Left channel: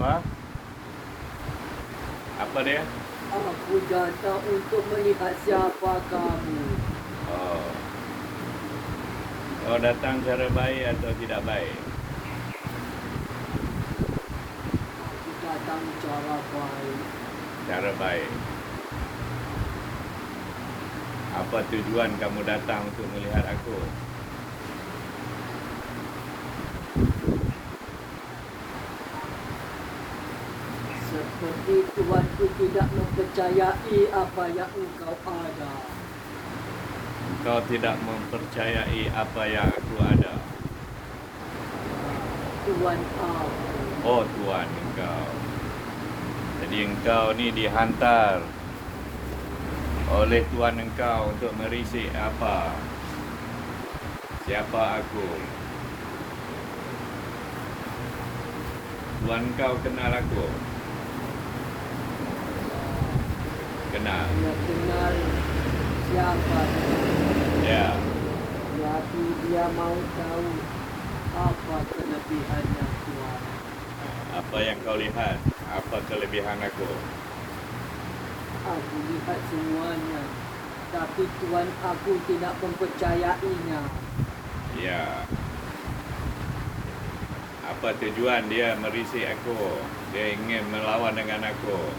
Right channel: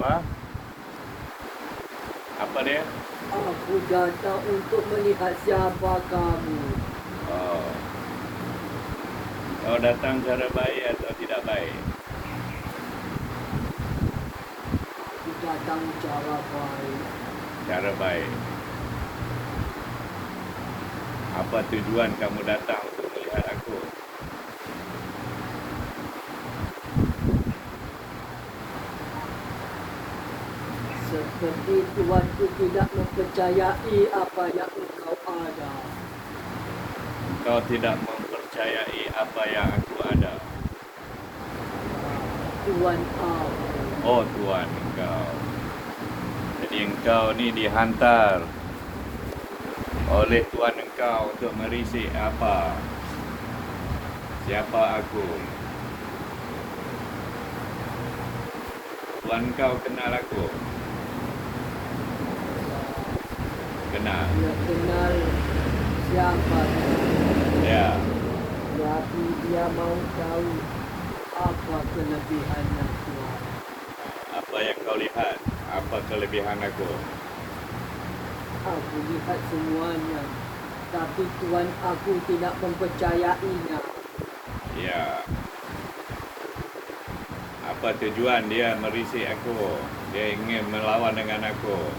Apa? Apa dia? Aku datang untuk melihat siapa kamu. Oh. Kau datang cara baik atau tidak baik? Aku datang cara baik. Cara baik. Apa tujuan kamu datang untuk melihat aku? Seperti tuanku tidak mempercayai apa yang engkau ada. Engkau tidak mempercayai apa yang aku ada. Tuan aku. Oh, Tuhan engkau. Jadi engkau ni dihantar oleh Tuhan engkau untuk merisik apa? Siapa aku? Tuhan engkau kenal aku? Kenal. Dia kenal siapa dia. Ya. Tapi dia mau tahu apa kelebihannya Tuan. Apa yang kau lihat? Apa kelebihan aku? Aku lihat semuanya. Tapi Tuan aku tidak mempercayainya. Ya. Apa tujuan dia merisik aku? Dia ingin melawan dengan aku.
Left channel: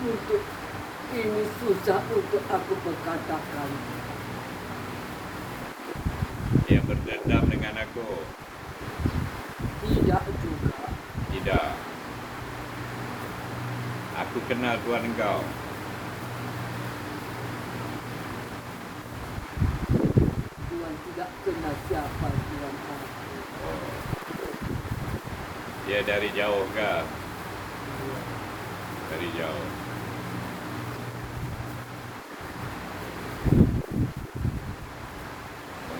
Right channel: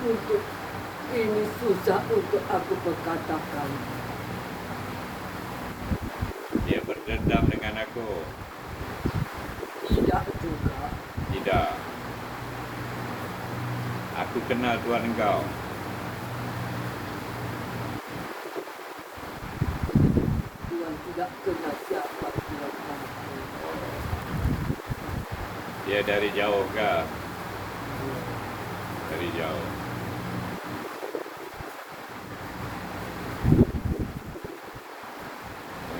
Untuk ini susah untuk aku berkatakan. Dia berdendam dengan aku. Tidak juga. Tidak. Aku kenal Tuhan engkau. Tuan tidak kenal siapa Tuan aku. Dia dari jauh ke? Dari jauh.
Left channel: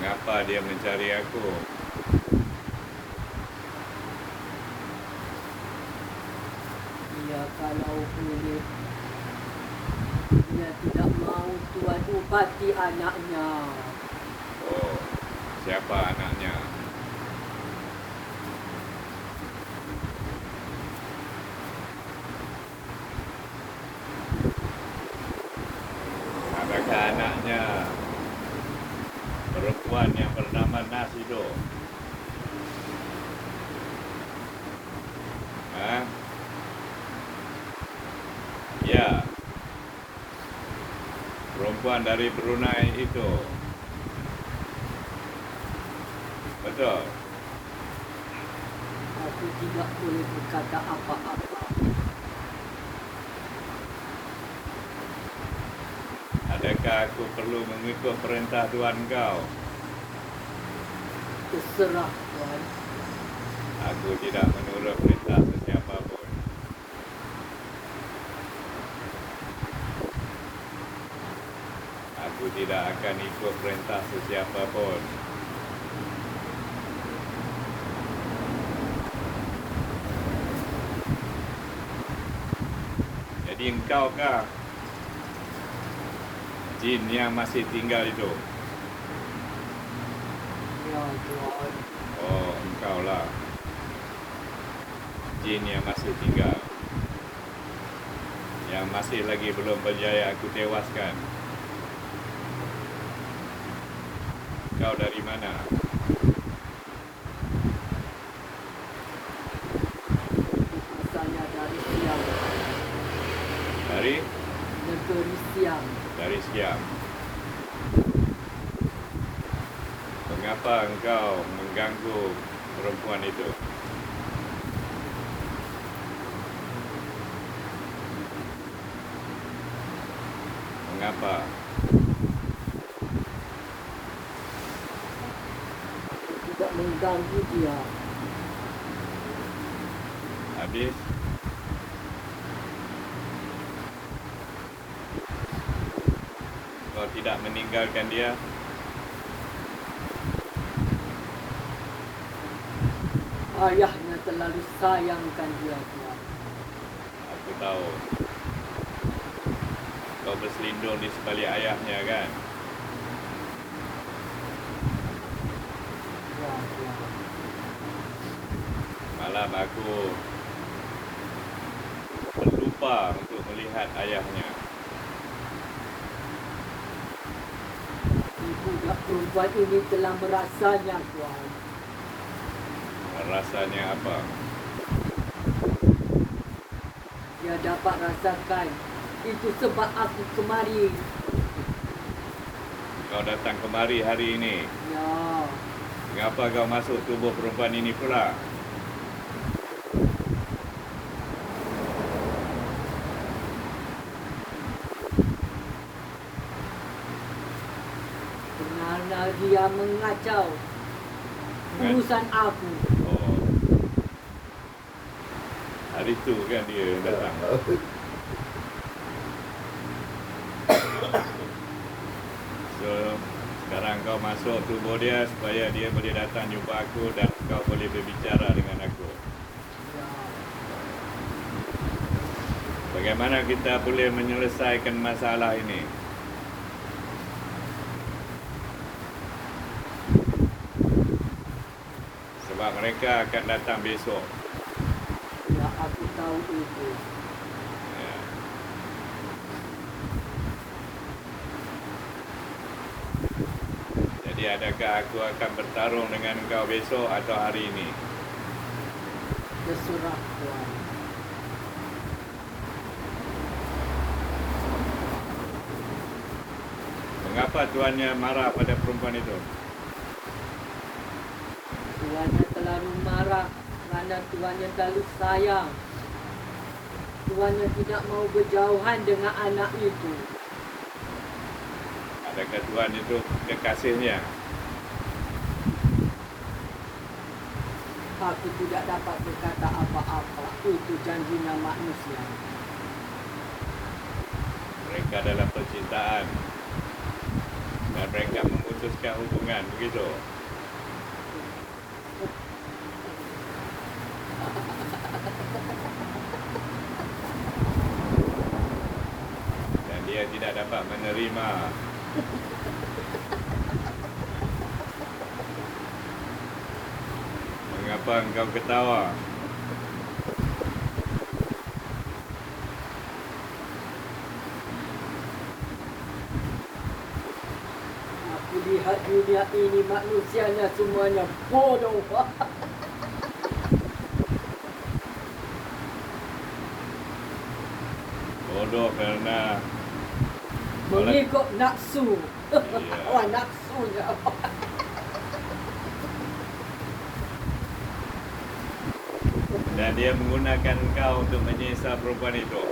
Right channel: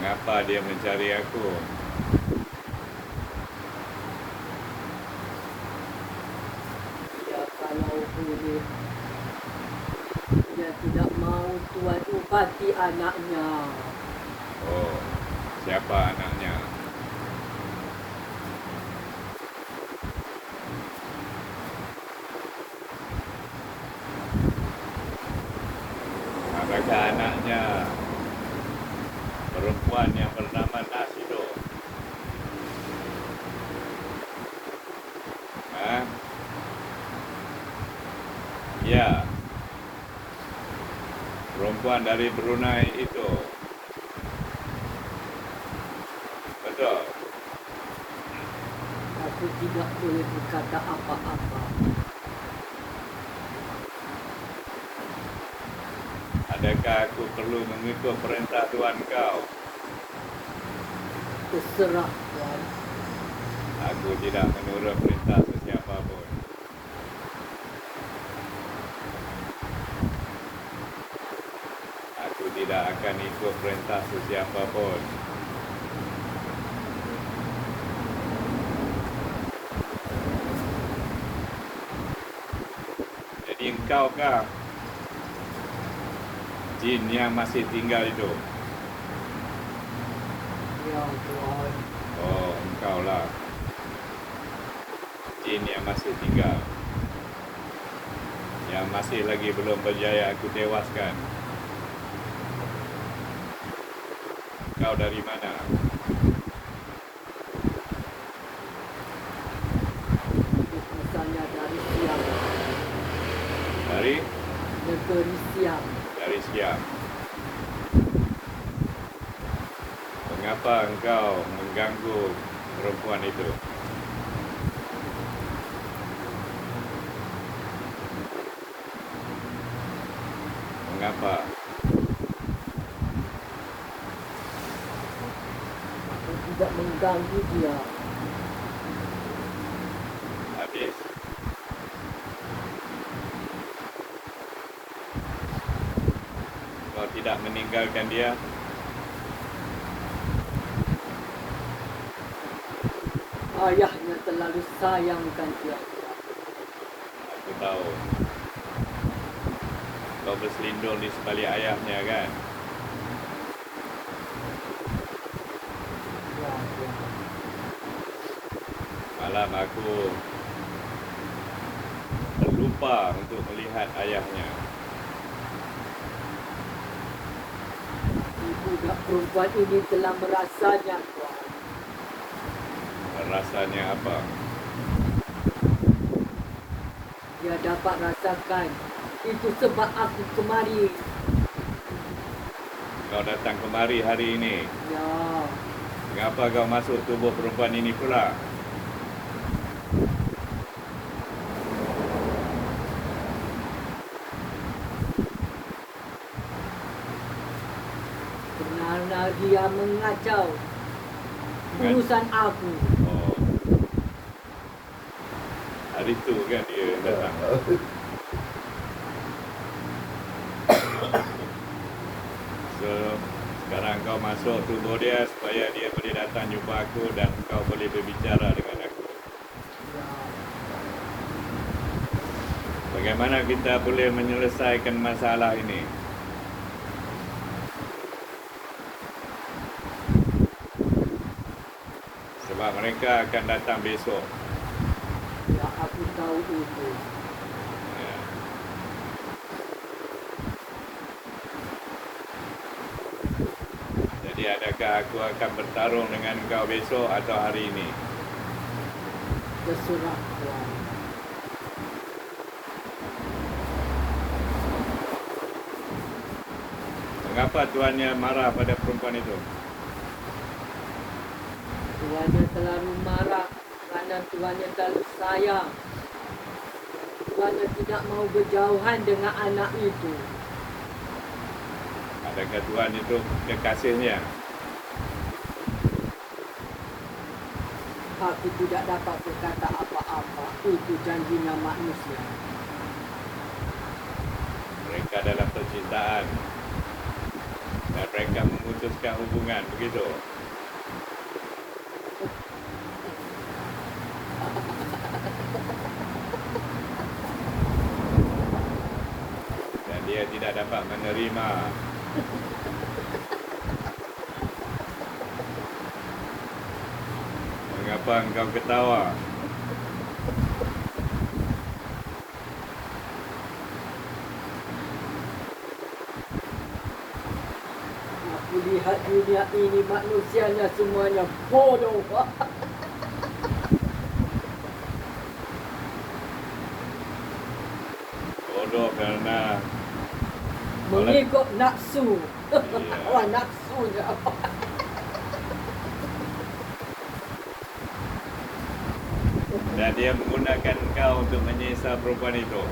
Mengapa dia mencari aku? Ya kalau boleh. Dia tidak mau Tuan ubati anaknya. Oh, siapa anaknya? Adakah anaknya perempuan yang bernama Nasudo? Hah? Ya. Perempuan dari Brunei itu. Betul. Aku tidak boleh berkata apa-apa. Adakah aku perlu mengikut perintah Tuhan kau? Terserah Tuan. Aku tidak menurut perintah sesiapa pun. Aku tidak akan ikut perintah sesiapa pun. Jadi engkaukah jin yang masih tinggal itu? Ya Tuan. Oh, engkaulah jin yang masih tinggal, yang masih lagi belum berjaya aku tewaskan. Kau dari mana? Misalnya dari Siam. Dari? Negeri Siam. Dari Siam. Mengapa engkau mengganggu perempuan itu? Mengapa? Aku tidak mengganggu dia. Habis? Kau tidak meninggalkan dia? Ayahnya terlalu sayangkan dia. Aku tahu. Kau berselindung di sebalik ayahnya kan? Ya, ya. Malam aku terlupa untuk melihat ayahnya. Budak perempuan ini telah merasanya, Tuan. Rasanya apa? Dia dapat rasakan. Itu sebab aku kemari. Kau datang kemari hari ini. Ya, Mengapa kau masuk tubuh perempuan ini pula? kerana dia mengacau urusan aku. Oh. Hari itu kan dia yang datang. So, sekarang kau masuk tubuh dia supaya dia boleh datang jumpa aku dan kau boleh berbicara dengan aku. Ya, Bagaimana kita boleh menyelesaikan masalah ini? Sebab mereka akan datang besok. ya, aku tahu itu. Ya. Jadi adakah aku akan bertarung dengan kau besok atau hari ini? Terserah, Tuan. Mengapa tuannya marah pada perempuan itu? Tuannya terlalu marah kerana tuannya terlalu sayang. Tuannya tidak mau berjauhan dengan anak itu. Adakah tuan itu kekasihnya? Aku tidak dapat berkata apa-apa. Itu janjinya manusia. Mereka dalam percintaan dan mereka memutuskan hubungan, begitu? Dan dia tidak dapat menerima. Mengapa engkau ketawa? Aku lihat dunia ini manusianya semuanya bodoh. Bodoh kerana Mengikut nafsu. Iya. Wah, nafsunya. dan dia menggunakan engkau untuk menyiksa perempuan itu.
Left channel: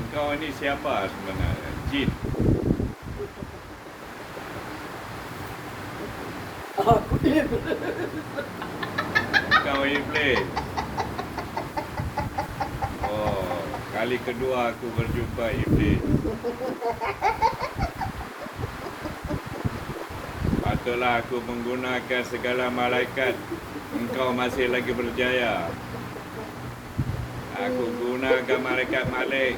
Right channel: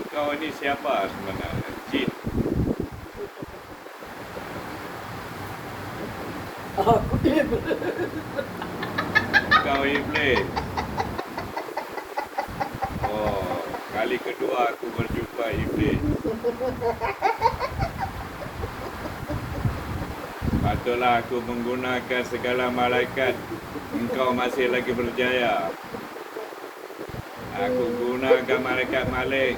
Engkau ini siapa sebenarnya? Jin. Aku iblis. Engkau iblis. Oh, kali kedua aku berjumpa iblis. Patutlah aku menggunakan segala malaikat. Engkau masih lagi berjaya. Aku gunakan malaikat Malik.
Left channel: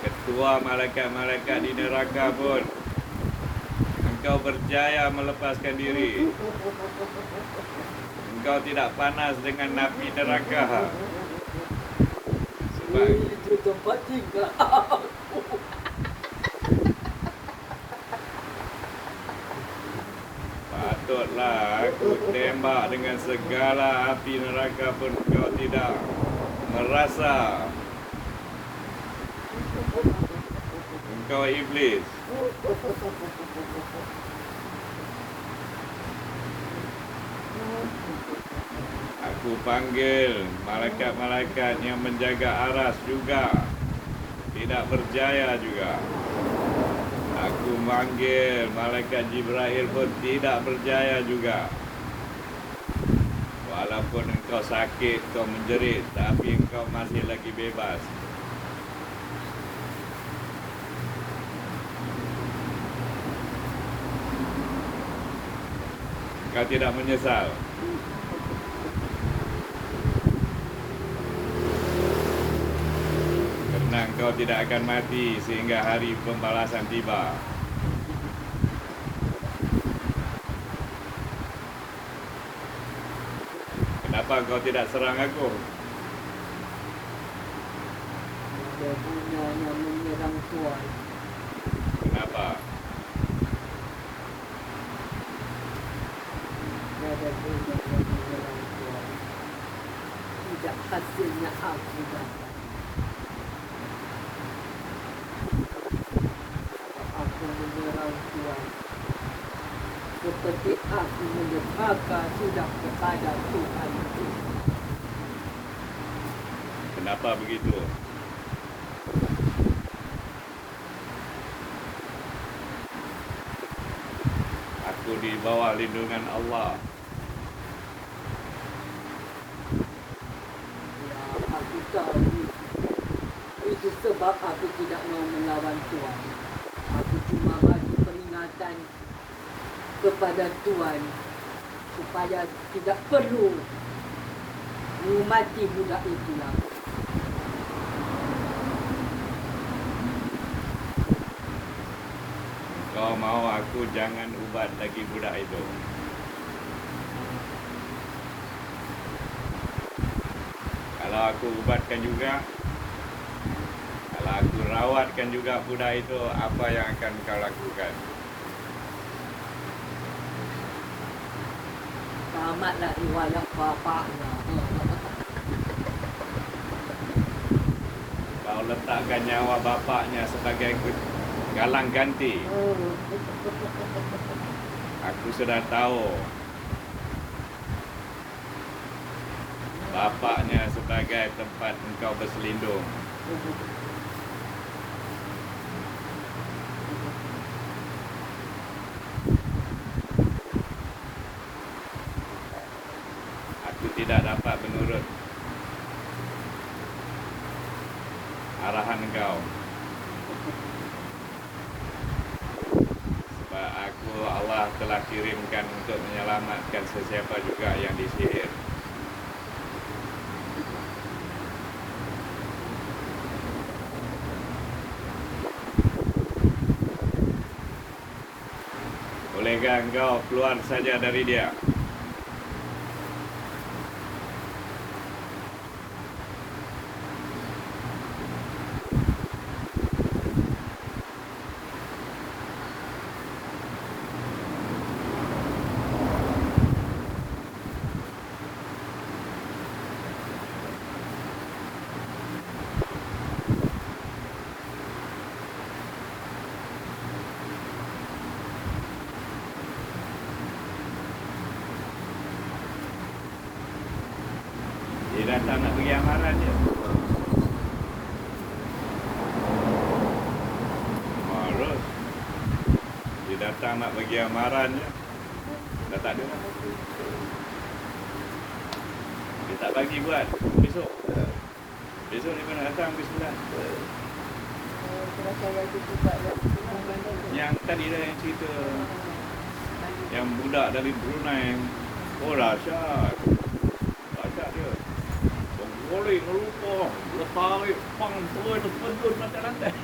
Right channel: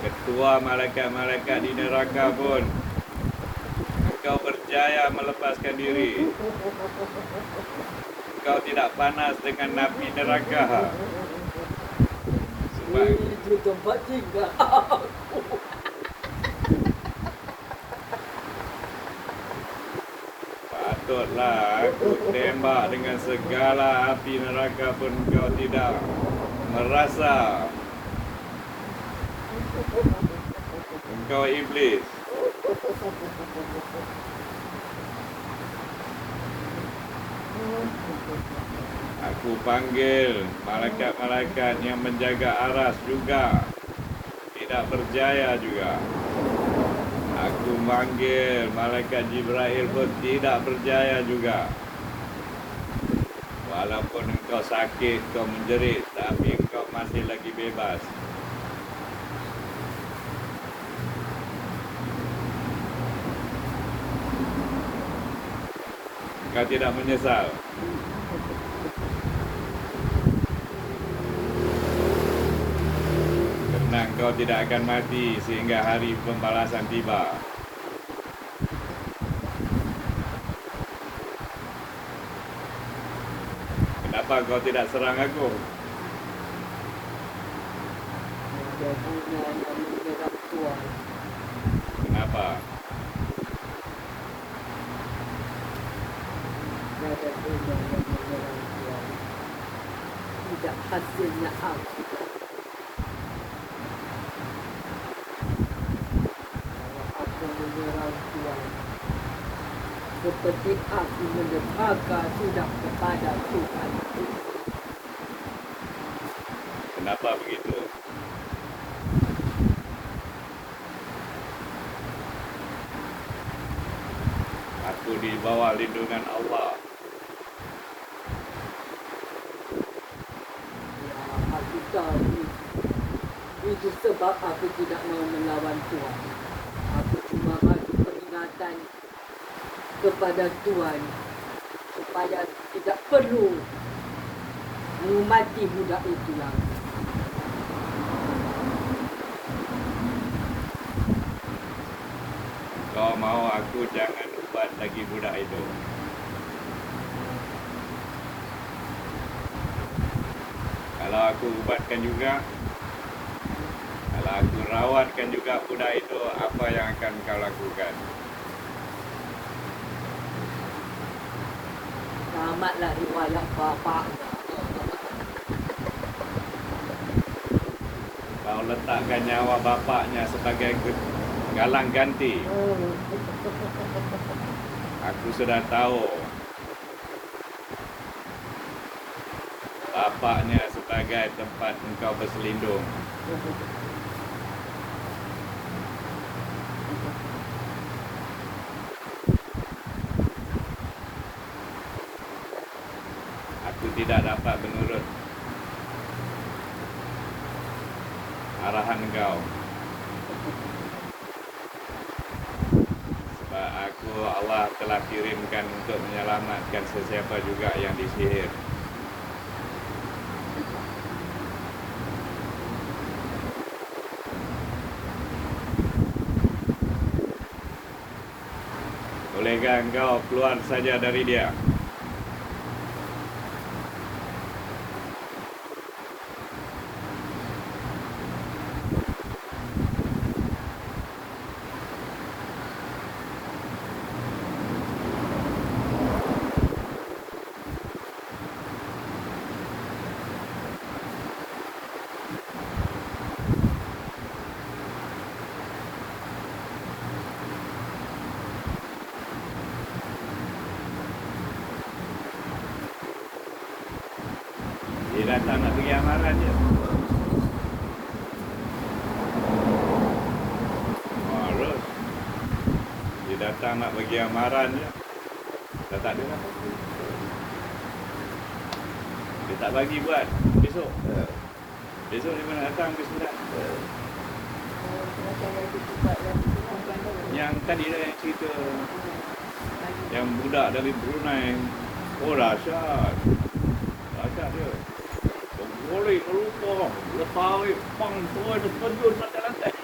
Ketua malaikat-malaikat di neraka pun. Engkau berjaya melepaskan diri. Engkau tidak panas dengan napi neraka. Sebab Itu tempat tinggal aku. patutlah aku tembak dengan segala api neraka pun engkau tidak merasa. Engkau iblis. Aku panggil malaikat-malaikat yang menjaga aras juga. Tidak berjaya juga. Aku manggil malaikat Jibril pun tidak berjaya juga. Walaupun engkau sakit, kau menjerit, tapi engkau masih lagi bebas. Kau tidak menyesal. tidak akan mati sehingga hari pembalasan tiba. Kenapa kau tidak serang aku? Ada gunanya menyerang Tuan. Kenapa? Ada gunanya menyerang Tuan. Tidak hasilnya aku dapat. Kalau aku menyerang Tuan, seperti aku menderhaka sudah kepada Tuhan. Kenapa begitu? Aku di bawah lindungan Allah. Ya, aku tahu itu sebab aku tidak mau melawan Tuan. Aku cuma bagi peringatan kepada Tuan supaya tidak perlu mengumati budak itu lagi. Kau mau aku jangan ubat lagi budak itu. Kalau aku ubatkan juga, kalau aku rawatkan juga budak itu, apa yang akan kau lakukan? Tamatlah riwayat bapaknya. Kau letakkan nyawa bapaknya sebagai galang ganti. Aku sudah tahu bapaknya sebagai tempat engkau berselindung. Aku tidak dapat menurut arahan engkau. Sebab aku Allah telah kirimkan untuk menyelamatkan sesiapa juga yang disihir. Bolehkah engkau keluar saja dari dia? Dia datang nak pergi amaran je. Terus dia datang nak pergi amaran je. Dah tak ada lah. Dia tak bagi buat besok. Besok dia mana datang ke 9. Yang tadi dah yang cerita yang budak dari Brunei. Oh dahsyat. Dahsyat dia. Boleh lupa, tarik, pang, terus terjun kat lantai.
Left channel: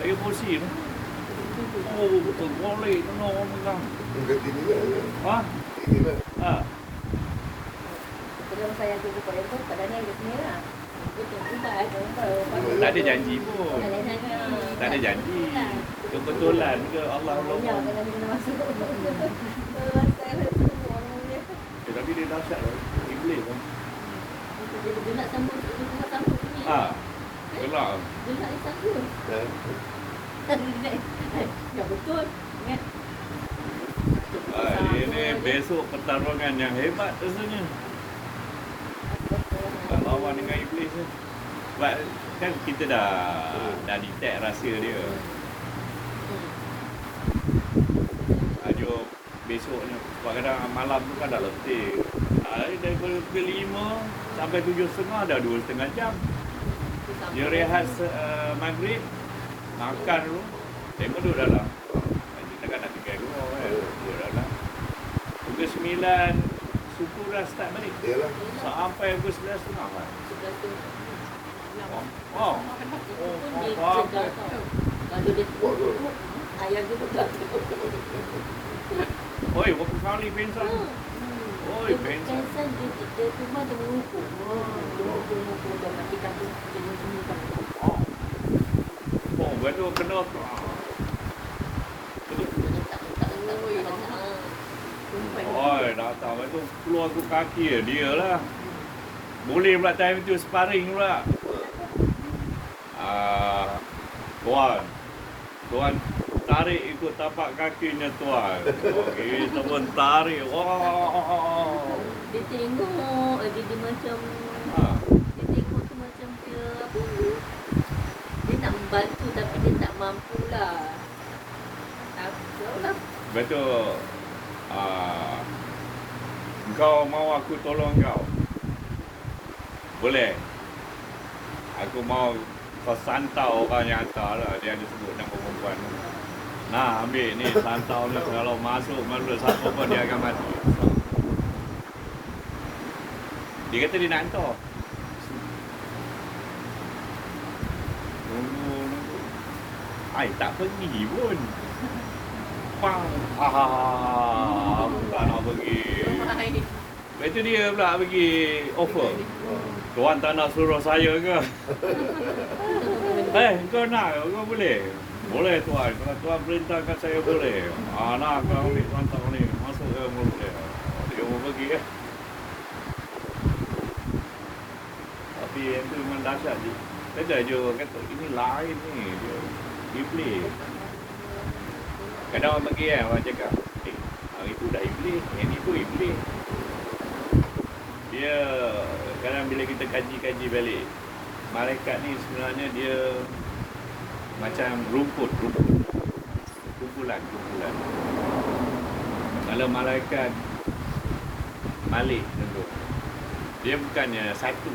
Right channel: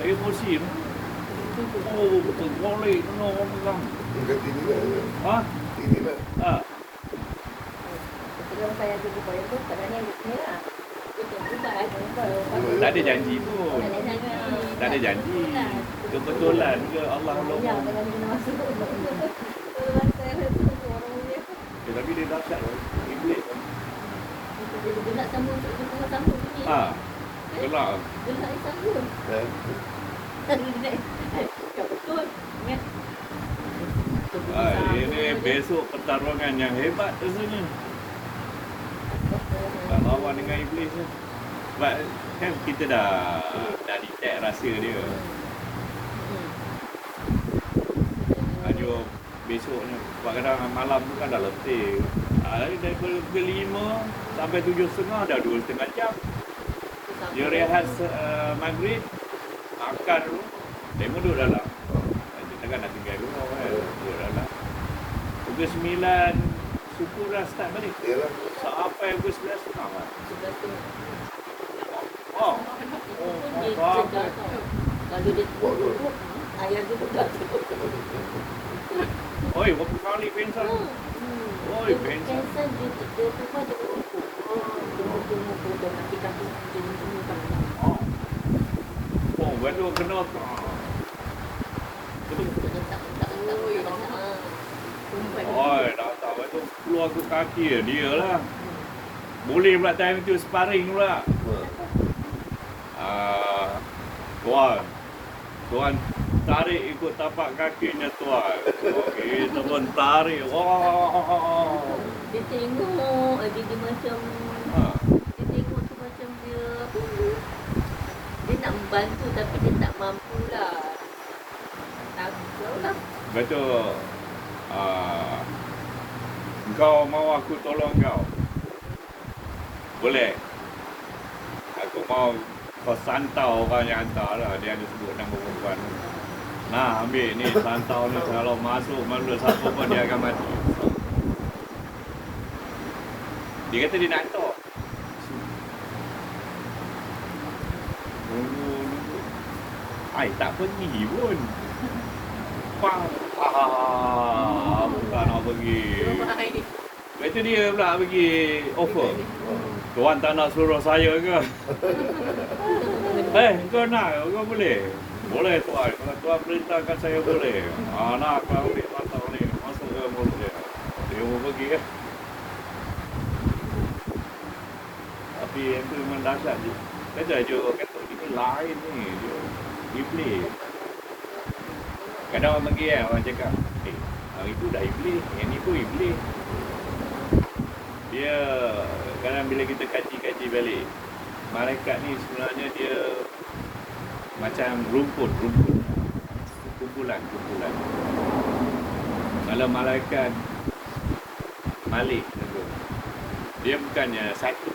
Saya emosi tu. Oh, betul boleh, semua orang pegang. Dekat sini kan? Ha? Ini lah. Ha? Kalau saya tunggu pada tu, padahal dia ni lah. Tak ada janji pun. Tak ada janji. Kebetulan ke Allah Ya, Allah. kalau dia kena masuk. Saya tunggu orang ni. Tapi dia dahsyat lah. Iblis kan. Dia nak sambung sambung ni. Ha? Gelak. Dia nak sambung. Ya betul. Ingat. Ini besok pertarungan yang hebat di sini. Tak lawan dengan iblis ni. Sebab kan kita dah detect rahsia dia. Tajuk besoknya, sebab kadang malam tu kan dah letih. Daripada pukul 5 sampai 7.30 dah 2,5 jam. Dia rehat maghrib, makan dulu, tengok duduk dalam. Dia takkan nak tinggal dulu kan, duduk dalam. Pukul 9, suku dah start balik. Yalah. Sampai pukul 11 setengah. Oh, Action dah tau. Kalau dia teruk, ayah dia pun tak tahu. Oi, berapa kali pensan? Oh, Dia pensan. pensan, dia rumah dia merukuk. Dia merukuk dan kaki-kaki jadi sini kan. Oh, gaduh kena. Oi, datang tu keluar tu kaki dia lah. Boleh pula time tu sparring pula. Tuan tarik ikut tapak kakinya tuan. Okey, tuan tarik. Wah. Dia tengok lagi dia macam dia tengok tu macam dia apa ni? Dia nak membantu tapi dia tak mampu lah. Tak lah. Betul. Kau mau aku tolong kau? Boleh. Aku mau kau santau orang yang hantar lah. Dia ada sebut nama perempuan ni. Nah, ambil ni santau ni. Kalau masuk mulut siapa pun dia akan mati. Dia kata dia nak hantar. Ai, tak pergi pun. Bukan nak pergi. Itu dia pula pergi offer. Tuan tak nak suruh saya ke? Kau nak? Kau boleh? Boleh tuan. Kalau tuan perintahkan saya boleh. Nak aku ambil pantau ni. Masuk ke mulut dia. Dia mau pergi ya. Tapi yang tu memang dahsyat je. Beda je kata ini lain ni. Dia iblis. Kadang orang pergi orang cakap, orang itu dah iblis, yang ni pun iblis. Dia, kadang bila kita kaji-kaji balik, malaikat ni sebenarnya dia macam rumput. Kumpulan. Kalau malaikat Malik tentu, dia bukannya satu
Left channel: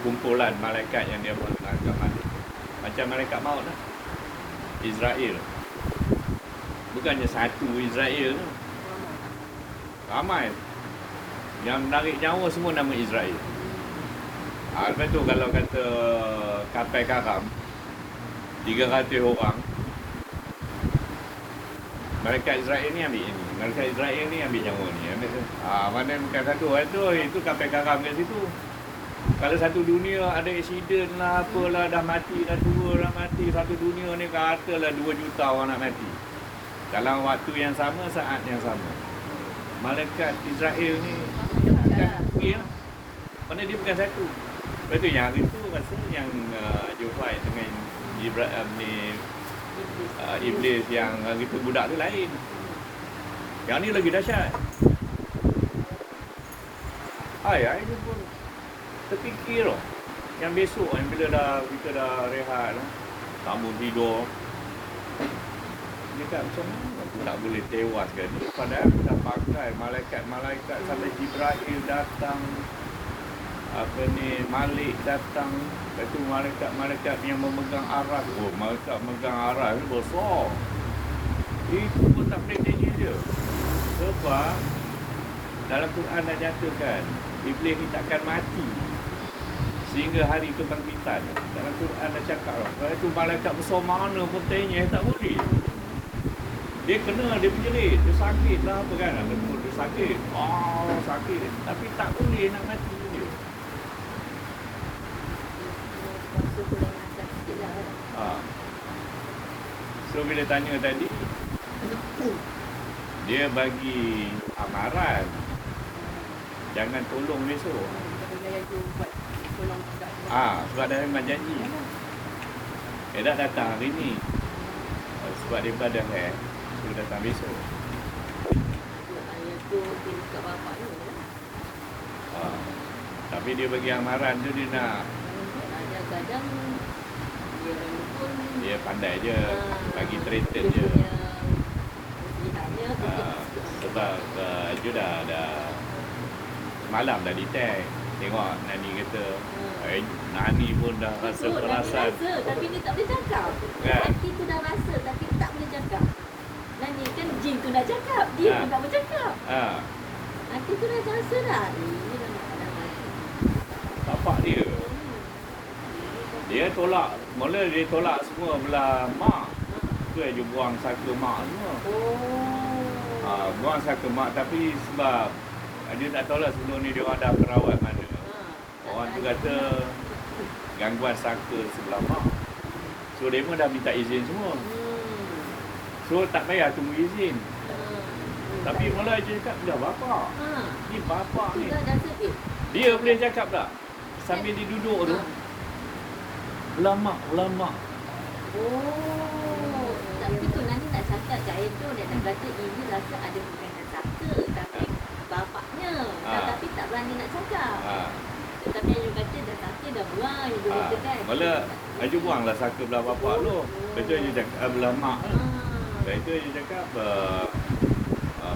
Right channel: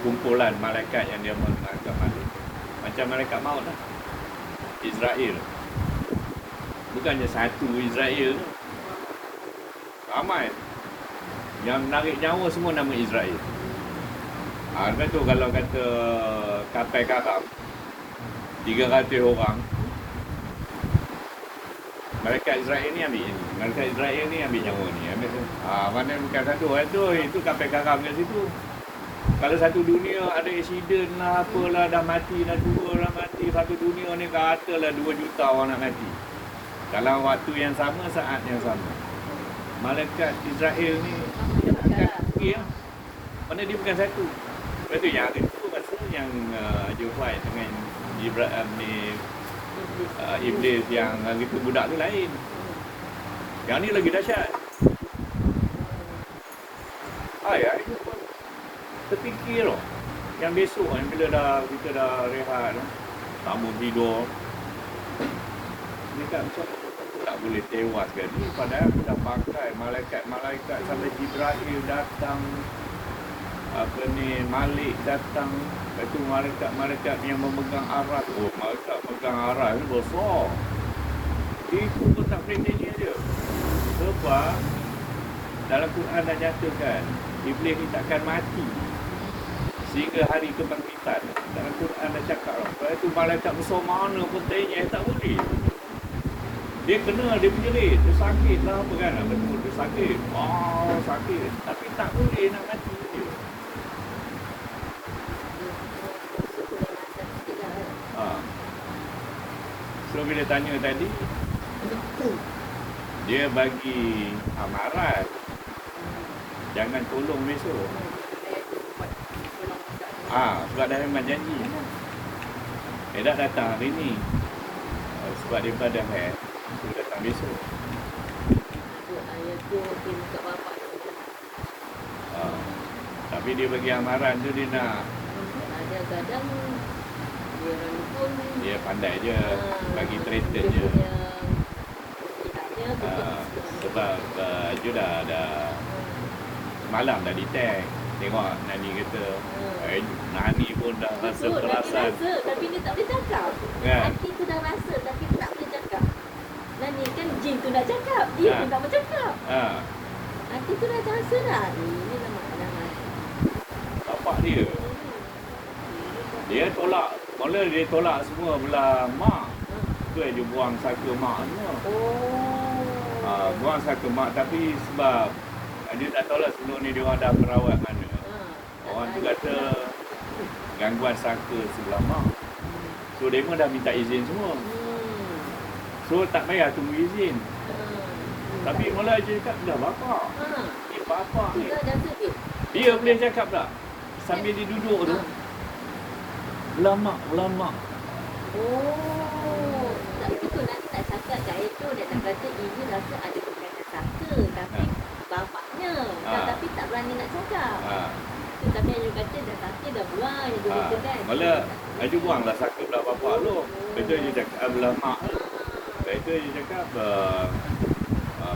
kumpulan malaikat yang dia menangkap Malik. Macam malaikat maut lah. Israel. Bukannya satu Israel tu. Ramai. Yang menarik nyawa semua nama Israel. Lepas tu kalau kata kapal karam 300 orang, malaikat Israel ni ambil ini. Malaikat Israel ni ambil nyawa ni. Mana bukan satu. Itu kapal karam kat situ. Kalau satu dunia ada insiden lah, apalah, dah mati, dah tua, dah mati. Satu dunia ni katalah 2 juta orang nak mati. Dalam waktu yang sama, saat yang sama. Malaikat Israel ni ya. Mana dia bukan satu. Lepas tu yang itu rasa yang dia fight dengan Ibrahim ni iblis yang itu budak tu lain. Yang ni lagi dahsyat. Ini pun terfikir loh. Yang besok kan bila kita dah rehat tamu tidur. Dia kan tak boleh tewas kan. Padahal kita pakai malaikat sampai Jibril datang, Malik datang. Itu malaikat yang memegang aras. Malaikat memegang aras ni besar. Itu pun tak boleh dia. Sebab dalam Quran dah nyatakan iblis ni takkan mati sehingga hari kebangkitan. Dalam Quran dah cakap lah. Kalau itu malaikat besar mana pentingnya, tak boleh. Dia kena, dia menjerit, dia sakit lah apa kan. Dia sakit. Sakit. Tapi tak boleh nak mati dia. So bila tanya tadi, dia bagi amaran jangan tolong besok. Sebab dia memang janji. Dia dah datang hari ni. Sebab dia pada hair, dia datang besok. Ayah tu dia buka bapak tu. Tapi dia bagi amaran tu dia nak. Kadang-kadang dia orang pun Dia pandai je bagi traitor dia je. punya silapnya Sebab dia dah malam dah detect. Tengok Nani kata Nani pun dah rasa betul, perasan. Nani rasa tapi dia tak boleh cakap. Kan? Hati tu dah rasa tapi tak boleh cakap. Nani kan jin tu dah cakap, dia pun tak bercakap. Hati tu dah rasa dah. Ini dah makan. Tapak dia. Dia tolak, mula dia tolak semua belah mak. Tu dia buang satu mak semua. Oh. Buang satu mak tapi sebab dia tak tahu lah sebelum ni dia orang dah terawat mana. Orang tu kata gangguan sangka sebelah mak. So dia pun dah minta izin semua. So tak payah tunggu izin. Tapi mula dia cakap dah bapak. Ni bapak ni. Dia boleh cakap tak? Sambil dia duduk tu. Ulama. Oh. Tapi tu nanti tak cakap kat itu dia nak kata ini rasa ada berkaitan saka tapi bapaknya. Tapi tak berani nak cakap. Tapi Ayu kata dah saka dah buang dia kata kan. Mula Ayu buang lah saka belah bapak tu. Lepas tu dia cakap belah mak. Lepas tu dia cakap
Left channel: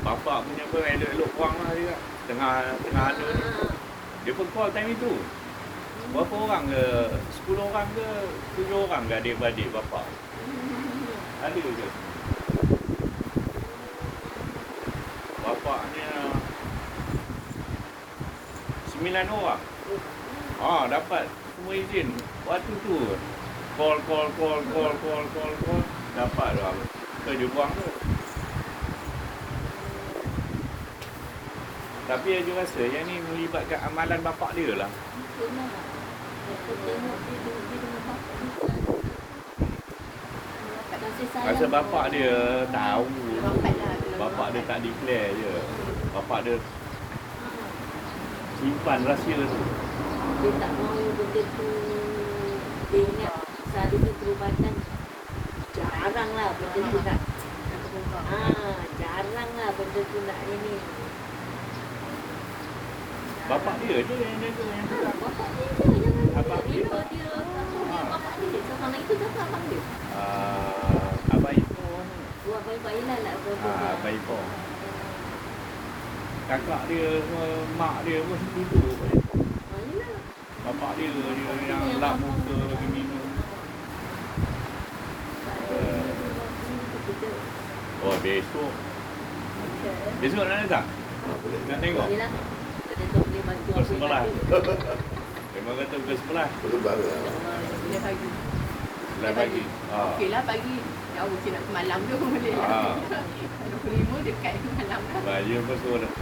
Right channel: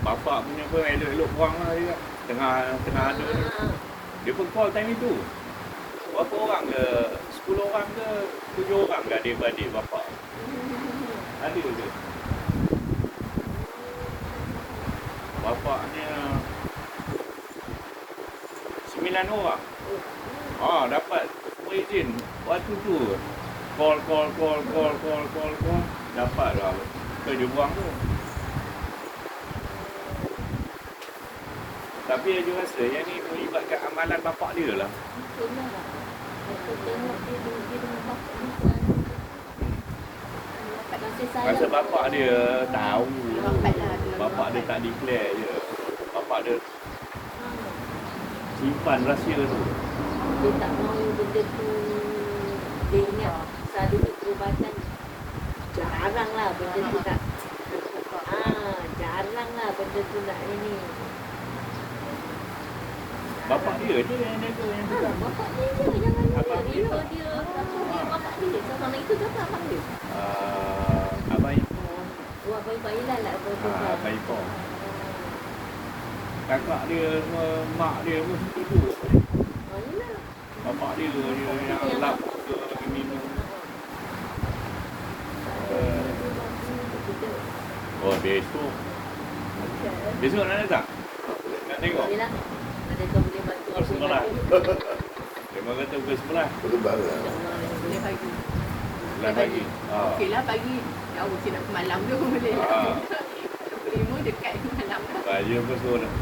bapak punya pun elok-elok buang lah dia. Tengah ada. Dia pun call time itu. Berapa orang ke? 10 orang ke? 7 orang ke adik-adik bapak? Ada je. Bapaknya 9 orang. Dapat semua izin. Waktu tu call. Dapat lah. So dia buang tu. Tapi dia rasa yang ni melibatkan amalan bapak dia lah. Betul lah. Kita tengok dia dengan bapak ni kan. Kasih sayang. Rasa bapak dia tahu. Rapat lah. Bapak dia tak declare je. Bapak dia simpan rahsia tu. Dia tak mahu benda tu. Dia ingat satu perubatan jarang lah benda tu nak. Jarang lah benda tu nak ini. Bapak dia je yang tu. Bapak dia je yang ada Abang dia. dia. Dia bapak dia. Sama itu siapa abang dia? Abai. Buat baik-baik lah nak berbual. Abai Pong. Kakak dia, mak dia pun duduk. Yelah. Bapak dia tu yang lap tu lagi minum. Besok. Besok nak datang? Nak tengok? Yelah. Ada kau boleh bantu apa yang Sebelah. ada. Memang kata pukul 11. Perlu bala. Boleh pagi. Dah pagi. Okey lah pagi. Jauh sikit nak ke malam tu boleh lah. 25 dekat ke malam lah. Raya pun tu dah.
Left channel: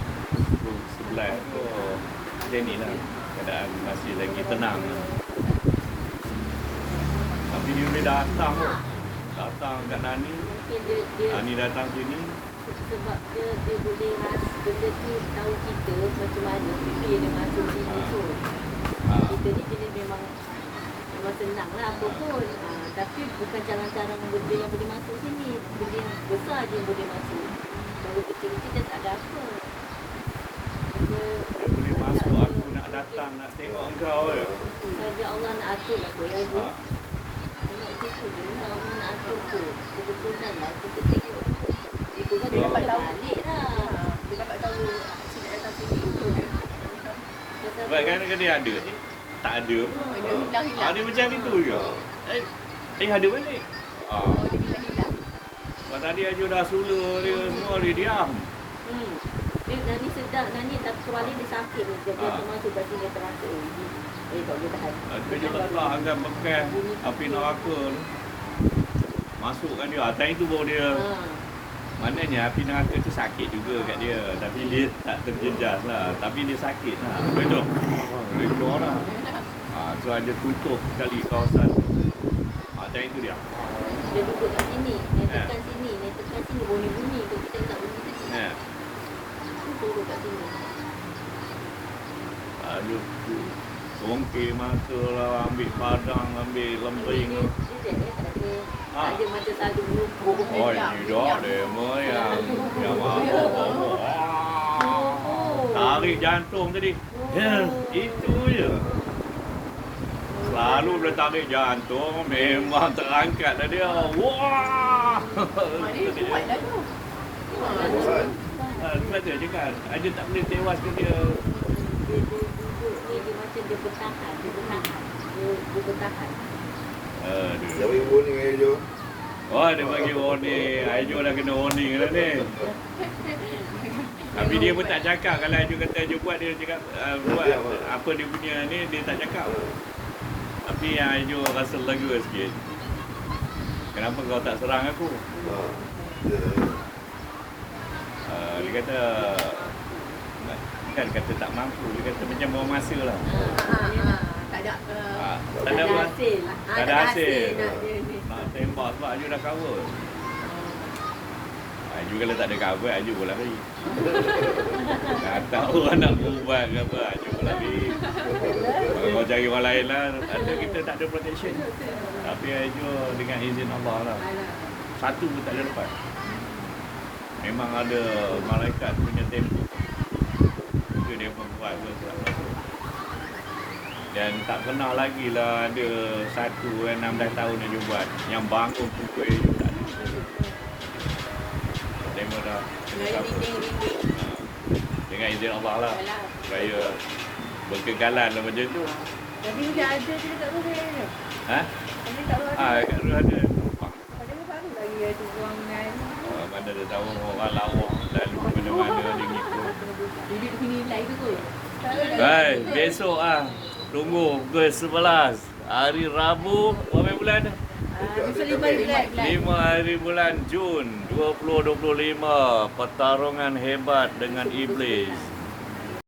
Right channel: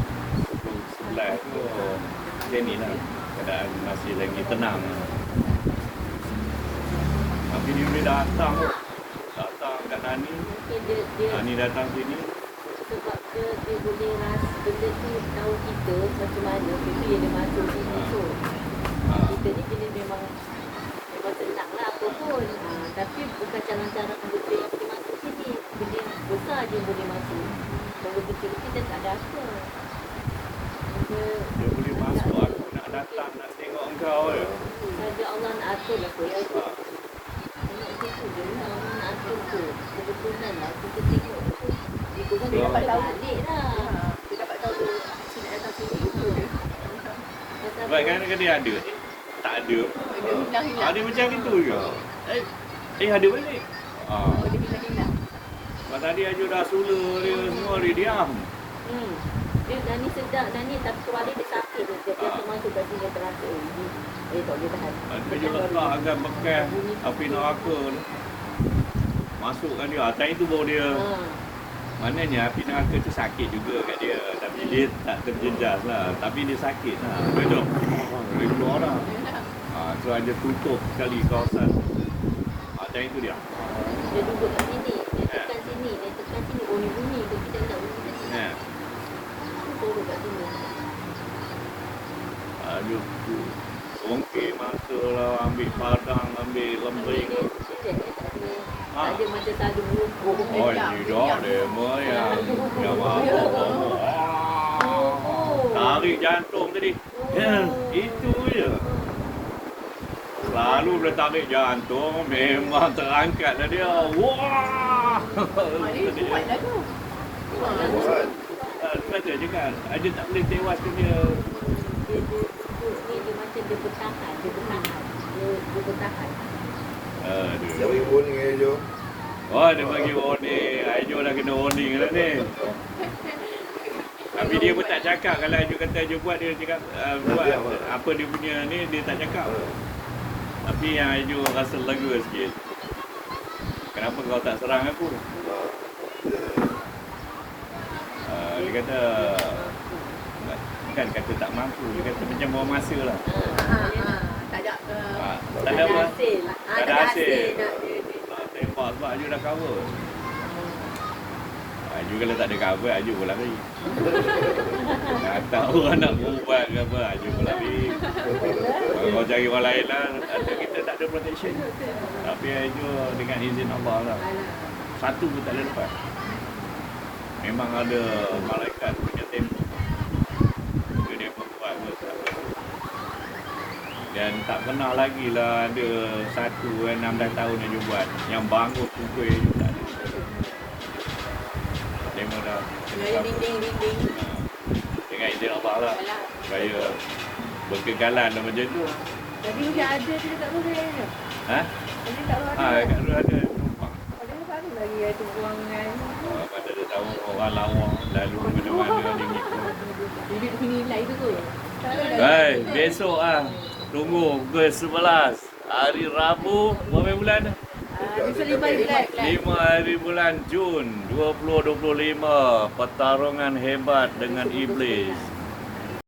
Pukul 11 tu. Macam ni lah. Keadaan masih lagi tenang. Tapi dia boleh datang kot. Datang kat Nani. Mungkin dia Nani datang sini. sebab dia boleh rasa benda tu tahu kita macam mana bila dia masuk sini tu. Kita ni jenis memang senang lah apa pun. Tapi bukan cara-cara benda yang boleh masuk sini. Benda yang besar je yang boleh masuk. Kalau kecil-kecil dia tak ada apa. Dia boleh masuk. Aku nak datang, nak tengok kau je. Saja Allah nak atur lah kot. Tengok situ je lah Allah nak atur tu. Kebetulan lah kita tengok. Itu kan dia dapat tahu balik lah. Dia dapat tahu Cik nak datang sini tu je. Baik, kadang-kadang dia ada. Tak ada. Dia hilang-hilang. Dia macam itu je. Ada balik. Dia hilang-hilang. Tadi Aju dah sula dia semua, dia diam. Dia Nani sedap Nani tapi kepala dia sakit tu. Dia termasuk kat sini terasa. Tak boleh tahan. Dia juga tak akan bekas api neraka ni. Masukkan dia. Atas itu baru dia. Maknanya api neraka tu sakit juga kat dia. Tapi dia tak terjejas lah. Tapi dia sakit lah. Betul. Itu orang. So ada tutup sekali kawasan. Atas itu dia. Dia duduk kat sini. Dia tekan sini. Dia tekan sini. Bunyi-bunyi tu. Kita tak bunyi tadi. Dia duduk kat sini. Aju songkek masa lah. Ambil padang. Ambil lembring. Dia tak ada. Tak ada macam selalu. Oh, ini dia moyang. Dia mahu. Tarik jantung tadi. Itu je. Selalu dia tarik jantung, memang terangkat lah dia. Wah! Dia kuat dah tu. Dia kata je kan, Aja tak boleh tewas ke dia. Dia duduk ni dia macam dia bertahan. Dia bertahan. Siapa yang warning dengan Ejo? Oh, dia bagi warning. Ajo dah kena warning lah ni. Tapi dia pun tak cakap. Kalau Ajo kata Ajo buat, dia cakap buat apa dia punya ni, dia tak cakap. Tapi yang Ayu rasa lega sikit. Kenapa kau tak serang aku? Ya. Dia kata kan kata tak mampu, dia kata macam buang hasil lah. Tak ada Tak ada apa? hasil. Tak ada hasil. Nak dia. Tembak sebab Ayu dah cover. Ayu kalau tak ada cover, Ayu pun lari. Tak tahu anak perempuan ke apa, Ayu pun lari. Kalau kau cari orang lain lah, kita tak ada protection. Tapi Ayu dengan izin Allah lah. Satu pun tak ada lepas. Memang ada malaikat punya tempo. Itu dia membuat betul. Dan tak pernah lagi lah ada 16 tahun yang dia buat. Yang bangun pukul itu tak ada. Tengok dah. Dari dinding. Dengan izin Allah lah. Gaya berkekalan lah macam tu. Tadi sudah ada kita tak tahu saya. Ha? Tadi tak tahu ada. Kat dulu ada tumpang. Tadi baru lagi ada buangan. Pada dia tahu orang lawa lalu mana-mana ni. Duduk sini nilai tu kot. Hai, besok tunggu pukul 11 hari Rabu, berapa bulan? Besok 5 bulan. 5 hari bulan Jun 2025, pertarungan hebat dengan iblis.